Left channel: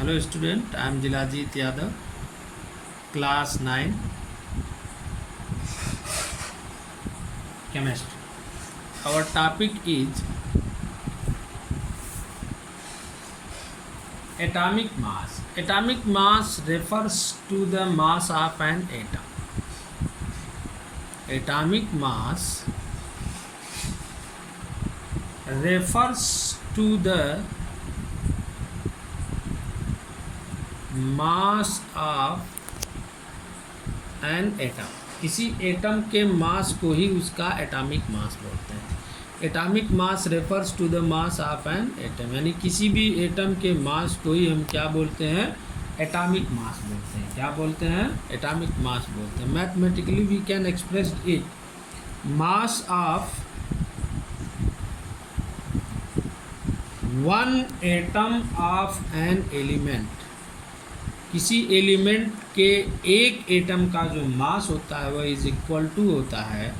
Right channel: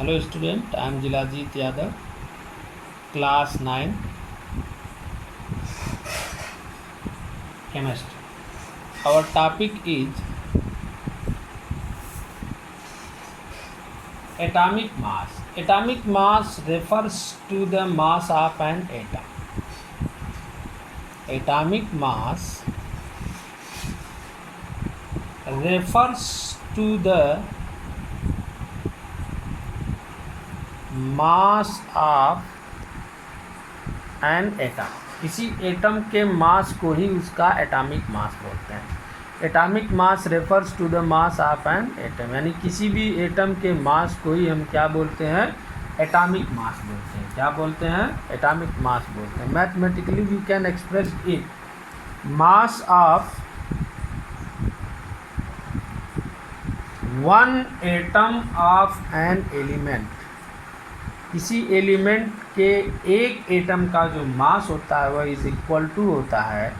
Hello student, I am Jilajit Yadav, class 9, chemistry. Our topic is atomic mass. Atomic mass refers to the mass of an atom. Atomic mass refers to the mass of an atom. किसी atom के mass को ही उसका atomic mass बोलते हैं. Atomic mass refers to the mass of an atom, यानी किसी भी एटम के मास को ही हम क्या बोलते हैं? एटॉमिक मास बोलते हैं. क्या बोलते हैं? एटॉमिक मास बोलते हैं. Mathematically we can express it. Mass of one atom of an element, किसी एलिमेंट के एक एटम का जो मास होता है वह इज इक्वल टू होता है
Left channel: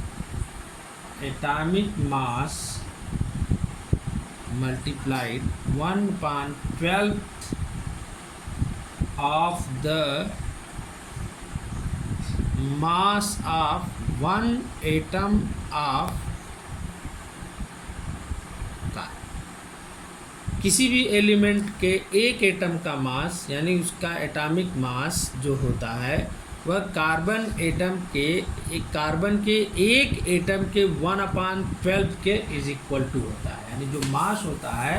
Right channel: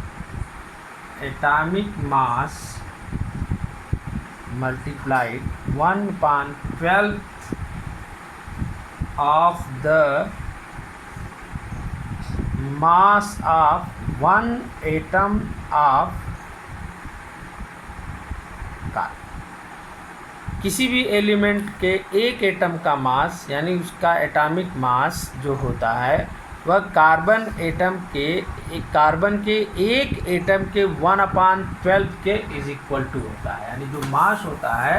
atomic mass multiplied 1/12 of the mass of one atom of carbon. किसी भी एलिमेंट के एक एटम का मास यानी उसका एटॉमिक मास जो होता है वह कार्बन के एक एटम के 1/12 के इज इक्वल टू होता है. यानी जो मास होता है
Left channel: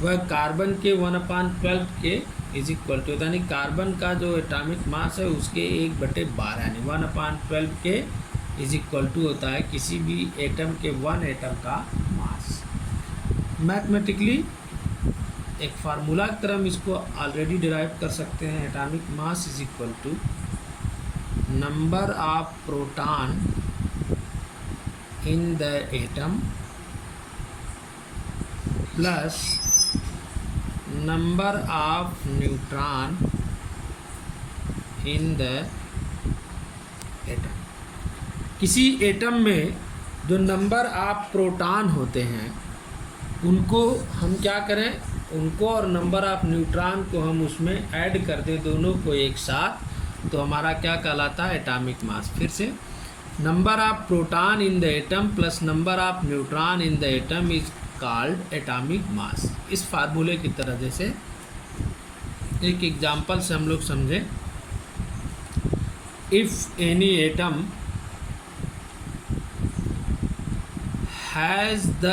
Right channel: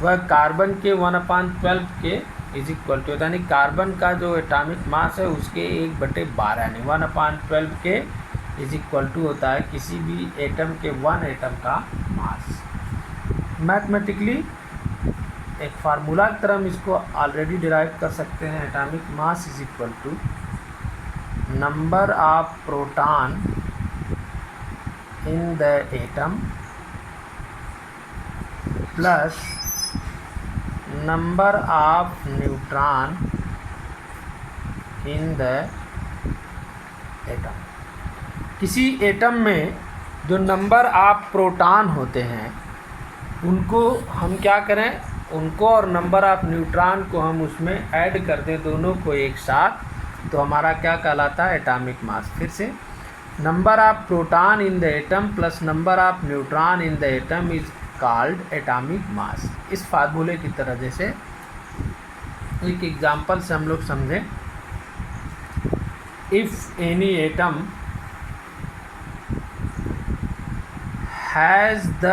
वह कार्बन के 1/12 के इज इक्वल टू होता है. यानी कार्बन का जो एटॉमिक मास है उसके 1/12 यानी 1/12 के इज इक्वल टू होता है किसी भी एटम के वन एटम का मास. मैथमेटिकली एक फार्मूला की तरह हम इसको ऑलरेडी डिराइव कर सकते हैं. Atomic mass is equal to number of proton in the atom plus number of neutron in the atom. किसी एटम में जो नंबर ऑफ प्रोटॉन होते हैं उनको हम क्या करें, उनको और नंबर ऑफ न्यूट्रॉन को हम उसमें ऐड कर दें, दोनों को एक साथ, तो हमारा क्या कहलाता है? एटॉमिक मास. फिर से number of proton in the atom plus number of neutron in the atom is called atomic mass. इस फार्मूले की तरह जैसे एक एग्जांपल से हम लोग समझें. If any atom has the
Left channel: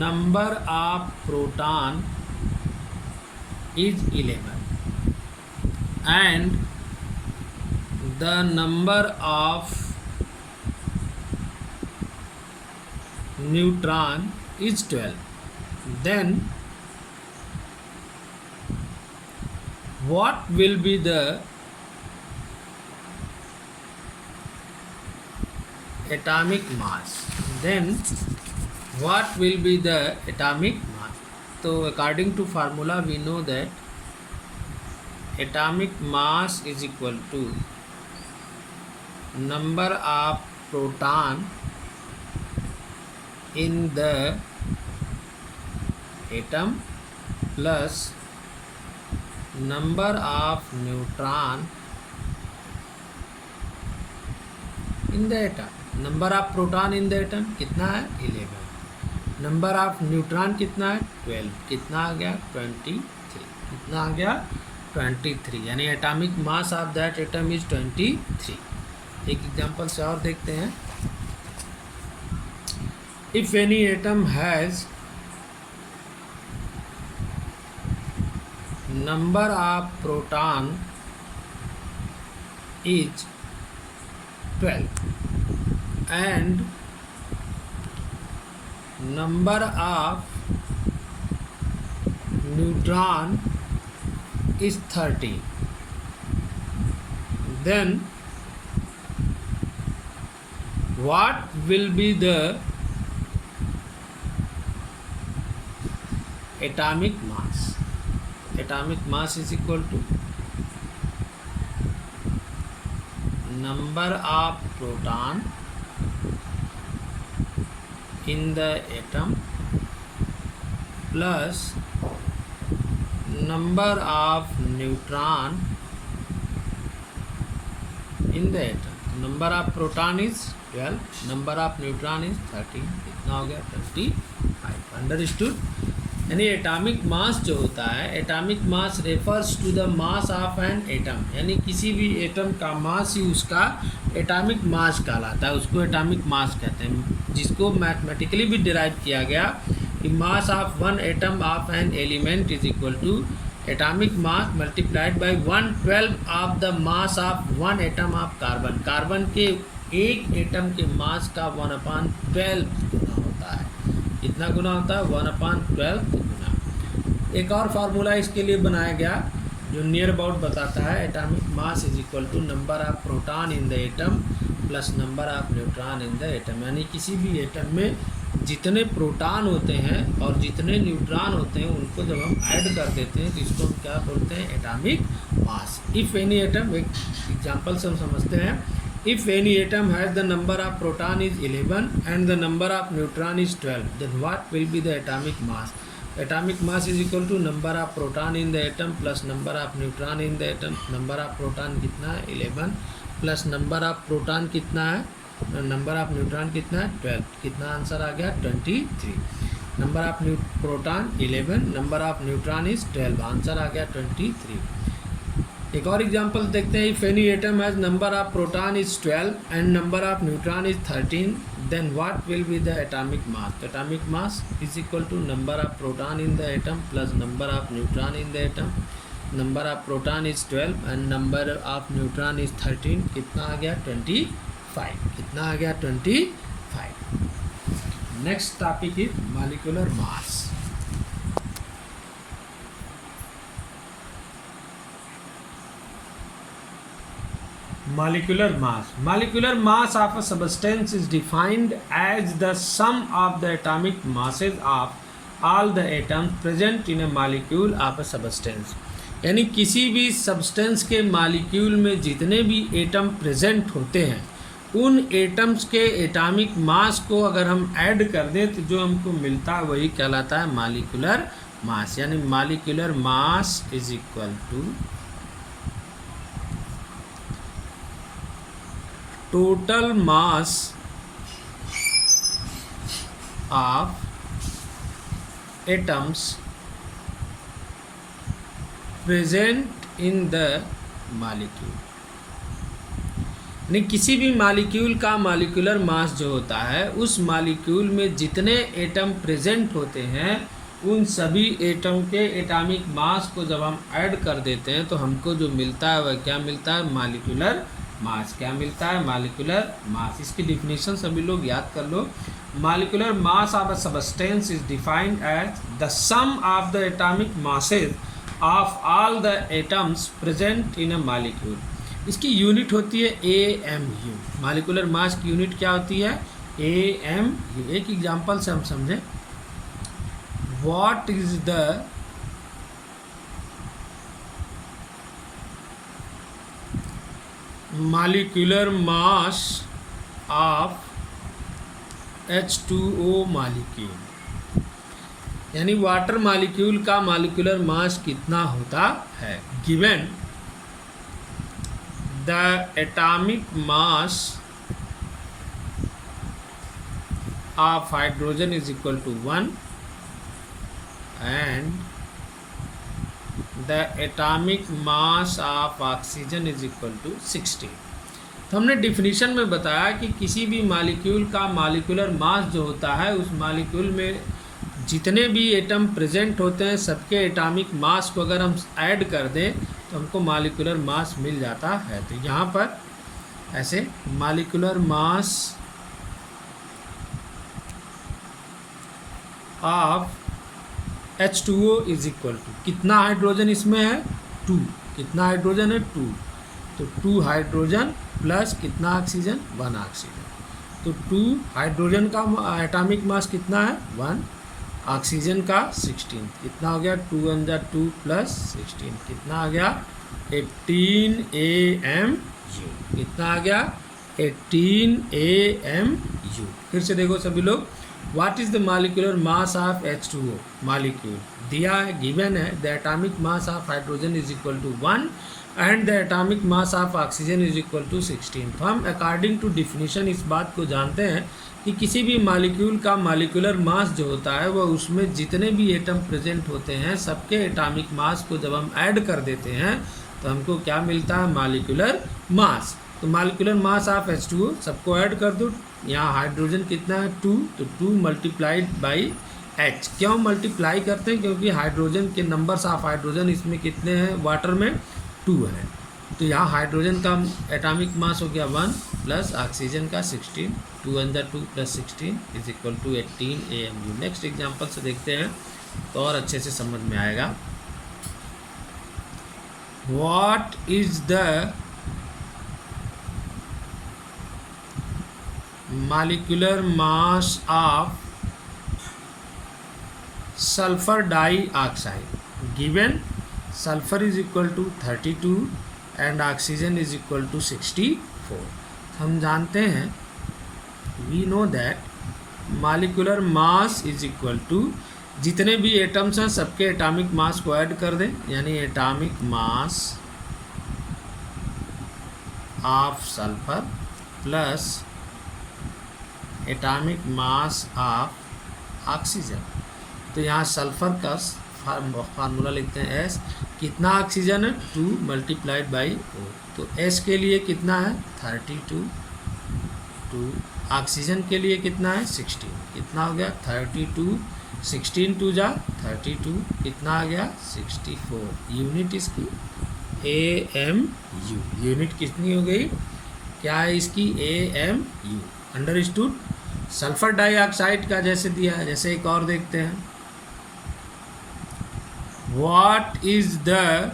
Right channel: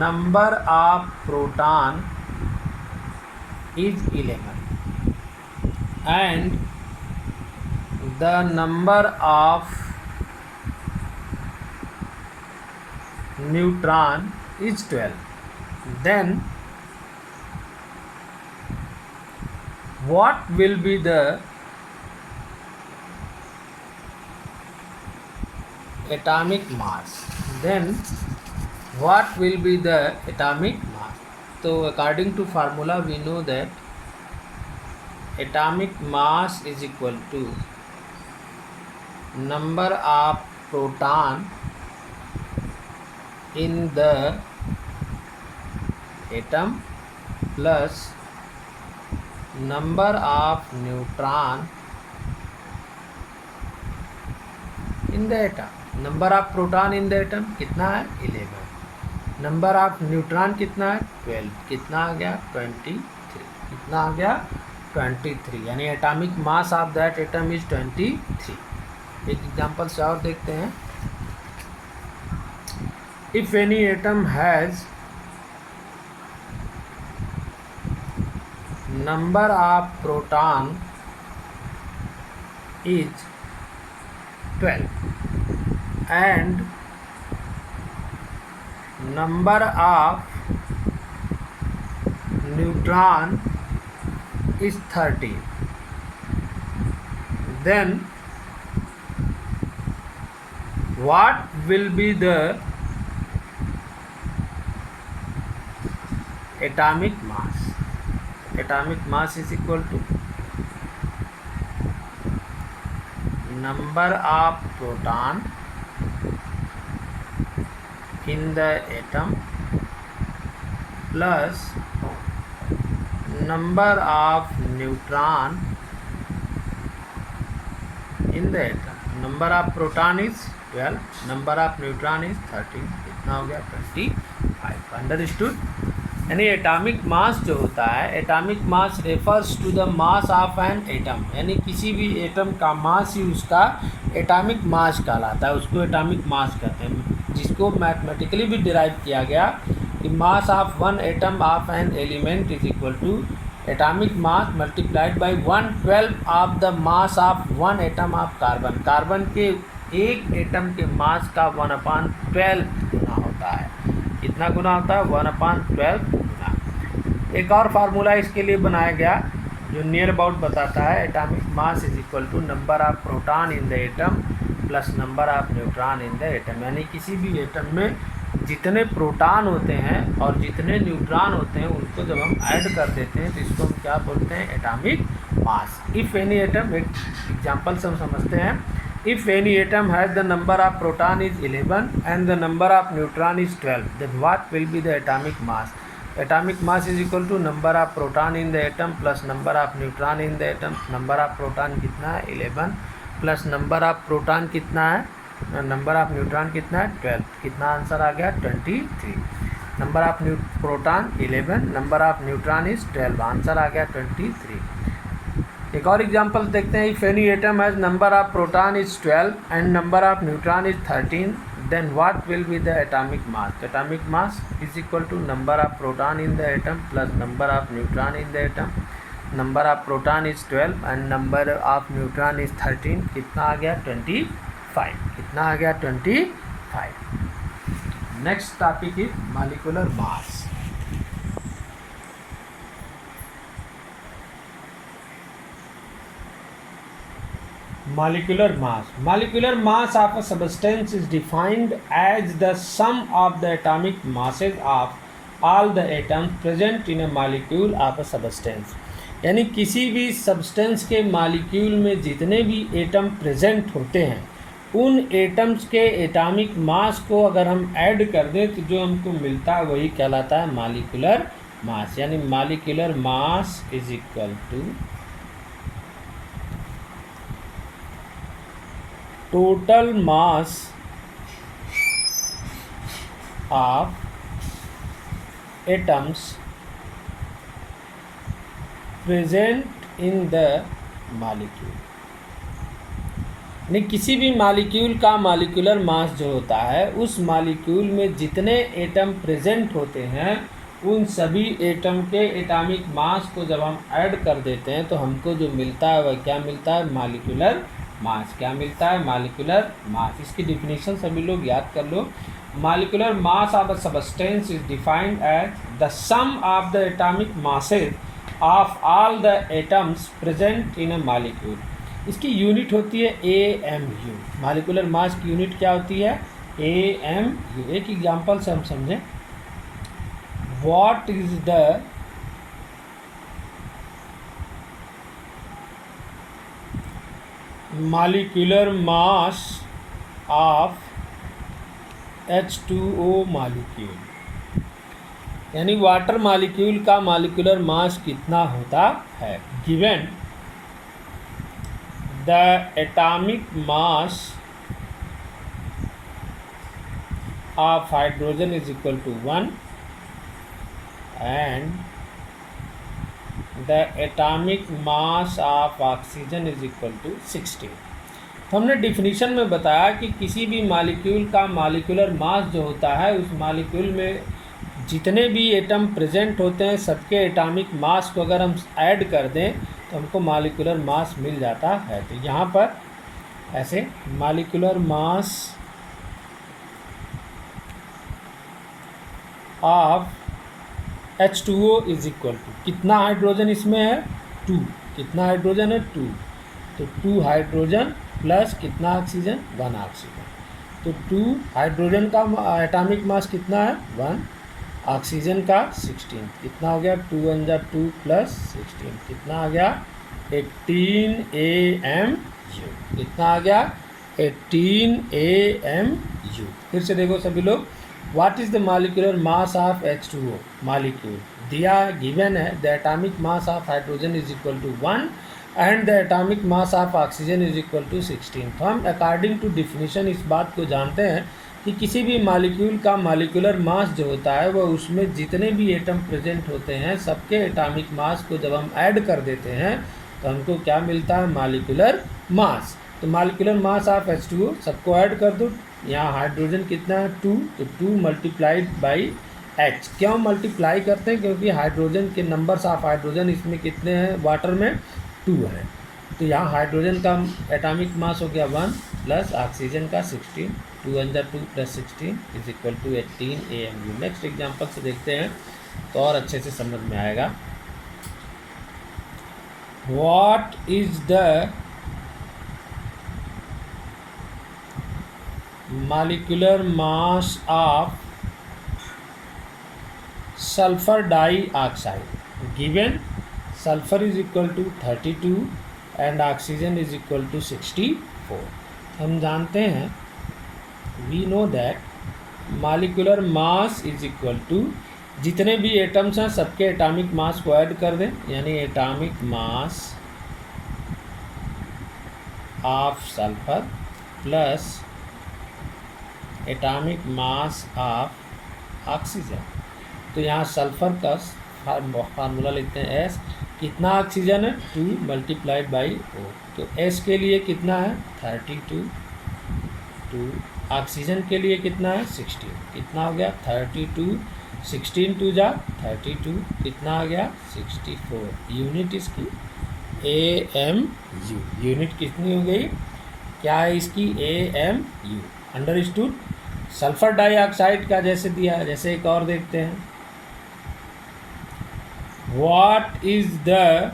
number of proton is 11 and the number of neutron is 12, then what will be the atomic mass? Then what will be the atomic mass? So according to formula we know that atomic mass is equal to number of proton in the atom plus number of neutron in the atom. Number of proton in the atom कितना है? 11. Number of neutron कितना है? 12. कितना आ गया? 23. कितना आ गया? 23. यानी atomic mass of that atom is 23. एक एग्जांपल से और देखते हैं. If any atom has number of proton is 12 and number of neutron is 13, then what will be the atomic mass? Atomic mass is equal to number of proton in the atom plus number of neutron in the atom. Number of proton is 12, number of neutron is 13, कितना हो गया 25। Understood. यानी atomic mass जो होता है, atomic mass refers to the mass of an atom, यानी किसी भी एटम का मास ही उसका एटॉमिक मास कहलाता है, उसको एटॉमिक मास कहते हैं, जिसको मैथमेटिकली भी डिराइव किया गया कि mass of one atom of an element is equal to atomic mass multiplied by 1/12 of the mass of one atom of carbon. Carbon के एक एटम के मास का 1/12 गुना होता है। कितना गुना होता है? 1/12 गुना। एक और फार्मूला इसके लिए बनाया गया जो नियर अबाउट बताता है atomic mass is equal to number of proton in the atom plus number of neutron in the atom. यानी किसी भी एटम में जितने प्रोटॉन होते हैं और जितने न्यूट्रॉन होते हैं उनको जब हम ऐड कर देते हैं तो इसको हम क्या बोलते हैं? Atomic mass. If any atom, एक एग्जांपल से हम समझते हैं, if any atom has the number of proton is 11 and the number of neutron is 12, then what will be the atomic mass? Atomic mass is equal to number of proton in the atom plus number of neutron in the atom. Number of proton कितना है? 11 plus number of proton कितना है? Number of neutron कितना है? 12। कितना answer आ गया? 23। Number of proton 11, number of neutron is 12, answer आ गया 23। एक और एग्जांपल देखते हैं। If any atom has number of proton is 12 and number of neutron is 13, then what will be the atomic mass? Atomic mass is equal to number of proton in the atom plus number of neutron in the atom. Number of proton is 12 and number of neutron is 13, कितना आ गया? 25। कितना आ गया? 25। Next topic is molecular mass. Molecular mass. Molecular mass of a substance is defined as the sum of the atomic masses of all the atoms present in a molecule of a substance. यानी किसी भी substance के molecule में जितने भी atom present होते हैं उन एटम्स के एटॉमिक मास को अगर हम ऐड कर दें तो जो हमको मिलता है वही कहलाता है मॉलिक्यूलर मास। यानी molecular mass is equal to total mass of atoms present in the molecule। यानी किसी भी मॉलिक्यूल का मॉलिक्यूलर मास जो होता है उस मॉलिक्यूल में जितने एटम प्रेजेंट होते हैं उन सभी एटम के एटॉमिक मास को जब हम ऐड कर देते हैं तो हमको जो मिलता है वह क्या मिलता है? Molecular mass. क्या मिलता है? Molecular mass. इसकी डिफिनीशन सभी लोग याद कर लो। Molecular mass of a substance is defined as the sum of the atomic masses of all the atoms present in a molecule. इसकी यूनिट होती है AMU। मॉलिक्यूलर मास की यूनिट क्या होती है? AMU। एक एग्जांपल से हम समझें। What is the molecular mass of H2O molecule? यानी वाटर मॉलिक्यूल का मॉलिक्यूलर मास कितना होता है? Given the atomic mass of hydrogen is equal to 1 and the atomic mass of oxygen is equal to 16। तो हमने डिफिनीशन में बताया कि किसी भी मॉलिक्यूल का मॉलिक्यूलर मास जो होता है उस मॉलिक्यूल में जितने भी एटम प्रेजेंट होते हैं सबके एटॉमिक मास को अगर हम ऐड कर दें तो हमको मॉलिक्यूलर मास मिल जाता है। तो यहाँ पर ऐसे molecular mass of H2O is equal to, कितना हाइड्रोजन इसमें है? 2। कितना हाइड्रोजन है? 2। तो 2 हाइड्रोजन प्लस कितना ऑक्सीजन? 1 ऑक्सीजन। तो 2 हाइड्रोजन का एटॉमिक मास कितना है? 1। ऑक्सीजन का 16। कितना हो गया? 2 1 जा 2 प्लस 16 कितना आ गया? 18 AMU। कितना आ गया? 18 AMU। फिर से देखो सभी लोग, what is the molecular mass of H2O molecule दिया है, गिवन है। The atomic mass of hydrogen is equal to 1 and the atomic mass of oxygen is equal to 16। तो हम अकॉर्डिंग टू डिफिनीशन इस बात को जानते हैं कि किसी भी मॉलिक्यूल का मॉलिक्यूलर मास जो होता है वह उसमें जितने भी एटम प्रेजेंट होते हैं सबके एटॉमिक मास को जब हम ऐड कर देते हैं तो हमको क्या मिलता है, मॉलिक्यूलर मास। तो मॉलिक्यूलर मास ऑफ H2O सबको ऐड कर दो। यहाँ हाइड्रोजन कितना है 2, तो 2 मल्टीप्लाइड बाई H। क्यों मल्टीप्लाई करते हैं, क्योंकि हाइड्रोजन के नंबर्स ऑफ हाइड्रोजन इसमें कितने हैं, वाटर में 2 है। तो यहाँ हाइड्रोजन का एटॉमिक मास हो गया 1 प्लस ऑक्सीजन का 16, 2 अंदर 2 plus 16 is equal to 18 AMU। Next example से देखते हैं तो और अच्छे से समझ में आएगा। What is the molecular mass of sulfur dioxide given sulfur is equal to 32 and oxygen is equal to 64। हम जानते हैं we know that molecular mass is equal to जितने भी एटम्स हैं सबके एटॉमिक मास को ऐड कर दें, यानी atomic mass of sulphur plus atomic mass of oxygen. तो यहाँ सल्फर का फार्मूला लिखते हैं S। कितना ऑक्सीजन है 2 मल्टीप्लाइड बाई O। तो S के लिए कितना है 32, 2 ऑक्सीजन के लिए कितना है 16। कितना हो गया 32, 16 2 जा 32, कितना आ गया 64। यूनिट इसकी AMU। यूनिट कितनी हो गई, क्या है इसकी AMU। अंडरस्टूड। सल्फर डाइऑक्साइड का जैसे दिया है, जैसे एक और देखते हैं। What is the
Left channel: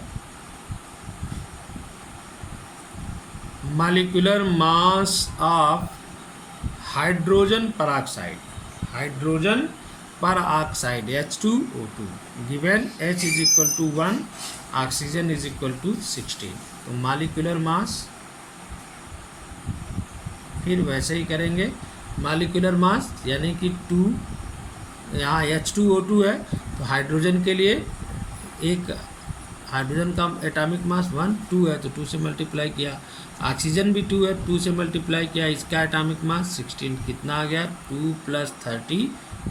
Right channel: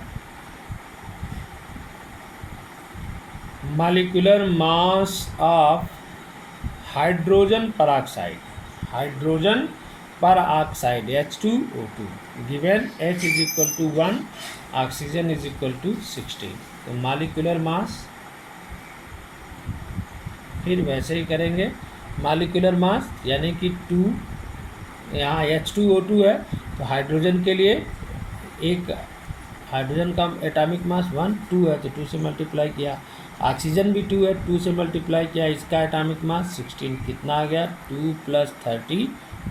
molecular mass of hydrogen peroxide, hydrogen peroxide H2O2 given H is equal to 1, oxygen is equal to 16। तो मॉलिक्यूलर मास फिर वैसे ही करेंगे, मॉलिक्यूलर मास यानी कि 2, यहाँ H2O2 है तो हाइड्रोजन के लिए एक हाइड्रोजन का एटॉमिक मास 1, 2 है तो 2 से मल्टीप्लाई किया। ऑक्सीजन भी 2 है, 2 से मल्टीप्लाई किया, इसका एटॉमिक मास 16। कितना आ गया 2 प्लस 32,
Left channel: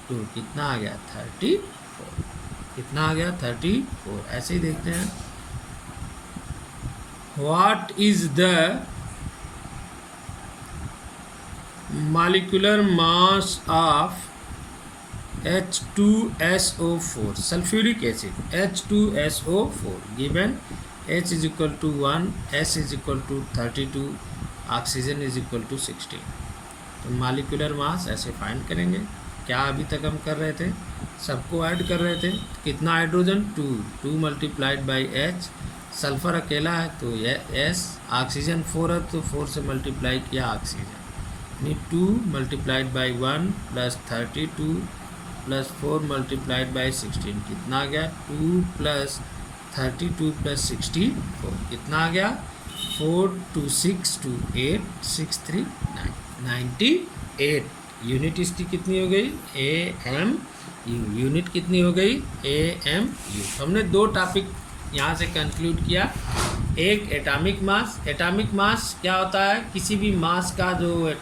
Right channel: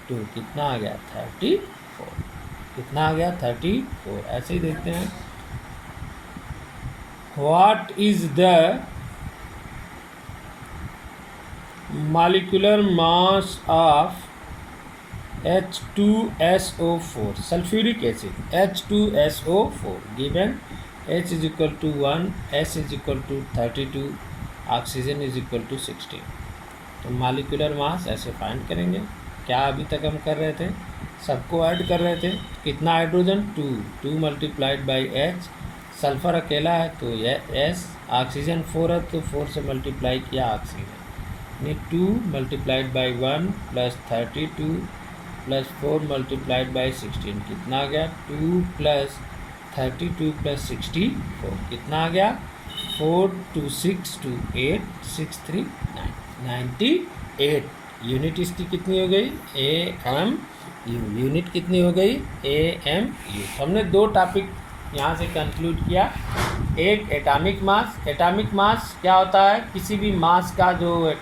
कितना आ गया 34। कितना आ गया 34। ऐसे ही देखते हैं। What is the molecular mass of H2SO4 sulfuric acid H2SO4 given H is equal to 1, S is equal to 32, oxygen is equal to 16। तो मॉलिक्यूलर मास ऐसे फाइंड करेंगे। क्या अभी तक हम कर रहे थे, सबको ऐड कर रहे थे। कितना hydrogen 2, 2 multiplied by H। Sulphur अकेला है तो यह S। ऑक्सीजन 4 है तो 4 से मल्टीप्लाई किया oxygen, 2 multiplied by 1 plus 32 plus 4 multiplied by 16। कितना आ गया 2 प्लस 32 प्लस 64। कितना आ गया 4 2 6 2 8 6 3 9 98। यूनिट इसकी कितनी हो गई AMU। यूनिट कितनी हो गई AMU। हमने 2 टॉपिक यहाँ से कंक्लूड किया। एक एटॉमिक मास, एटॉमिक मास क्या होता है, किसी भी मास का जो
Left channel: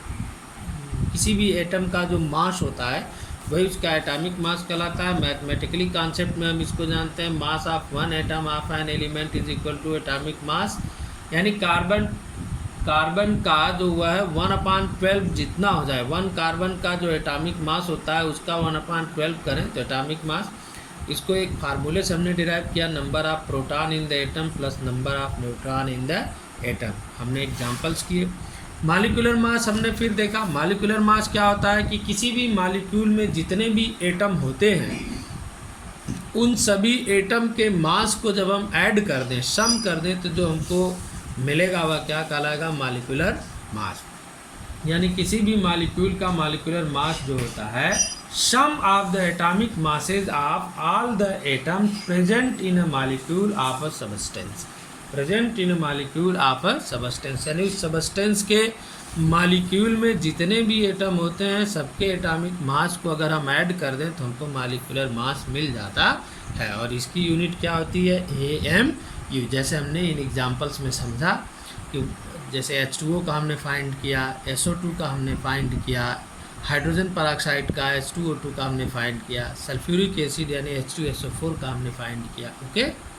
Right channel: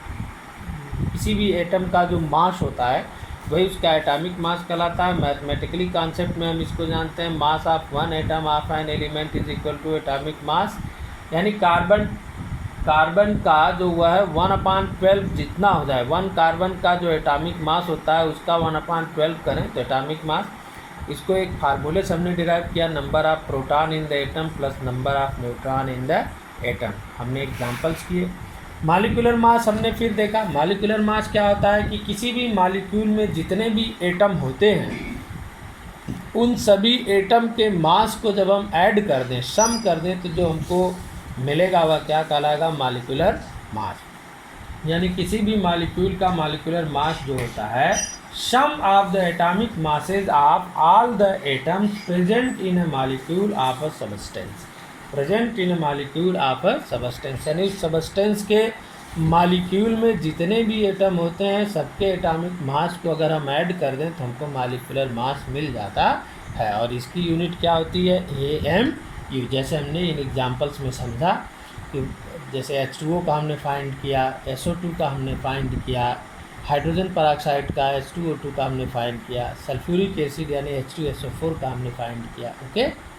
किसी भी एटम का जो मास होता है वही उसका एटॉमिक मास कहलाता है। मैथमेटिकली कॉन्सेप्ट में हम इसको जानते हैं, mass of one atom of an element is equal to atomic mass. यानी कार्बन का जो हुआ है 1/12 जितना हो जाए, 1 कार्बन का जो एटॉमिक मास होता है उसका 1/12 करें तो एटॉमिक मास। इसको एक फार्मूले से हमने डिराइव किया, number of proton in the atom plus number of neutron in the atom. हमने एग्जांपल्स किए। मॉलिक्यूलर मास हमने फिर देखा, मॉलिक्यूलर मास क्या होता है कि किसी भी मॉलिक्यूल में जितने भी एटम होते हैं उन सभी एटम के मास को जब हम ऐड कर दें, सम कर दें, तो जो हमको मिलेगा वह क्या कहलाएगा, मॉलिक्यूलर मास। यानी किसी भी मॉलिक्यूल का मॉलिक्यूलर मास जो होता है sum of the atomic masses of all the atoms present in a molecule of a substance. Present in a molecule of a substance, यानी उस सबस्टेंस के मालिक्यूल में जितने भी एटम होते हैं सबके एटॉमिक मास को अगर हम ऐड कर दें तो हमको मालिकुलर मास मिल जाता है। और इसकी यूनिट क्या होती है, AMU। जैसे हमने इन एग्जांपल्स में समझा कि जैसे H2O का हमने फाइंड किया, SO2 का हमने फाइंड किया, हाइड्रोजन पेरोक्साइड का H2O2 का हमने फाइंड किया, सल्फ्यूरिक एसिड यानी H2SO4 का हमने फाइंड किया। ओके।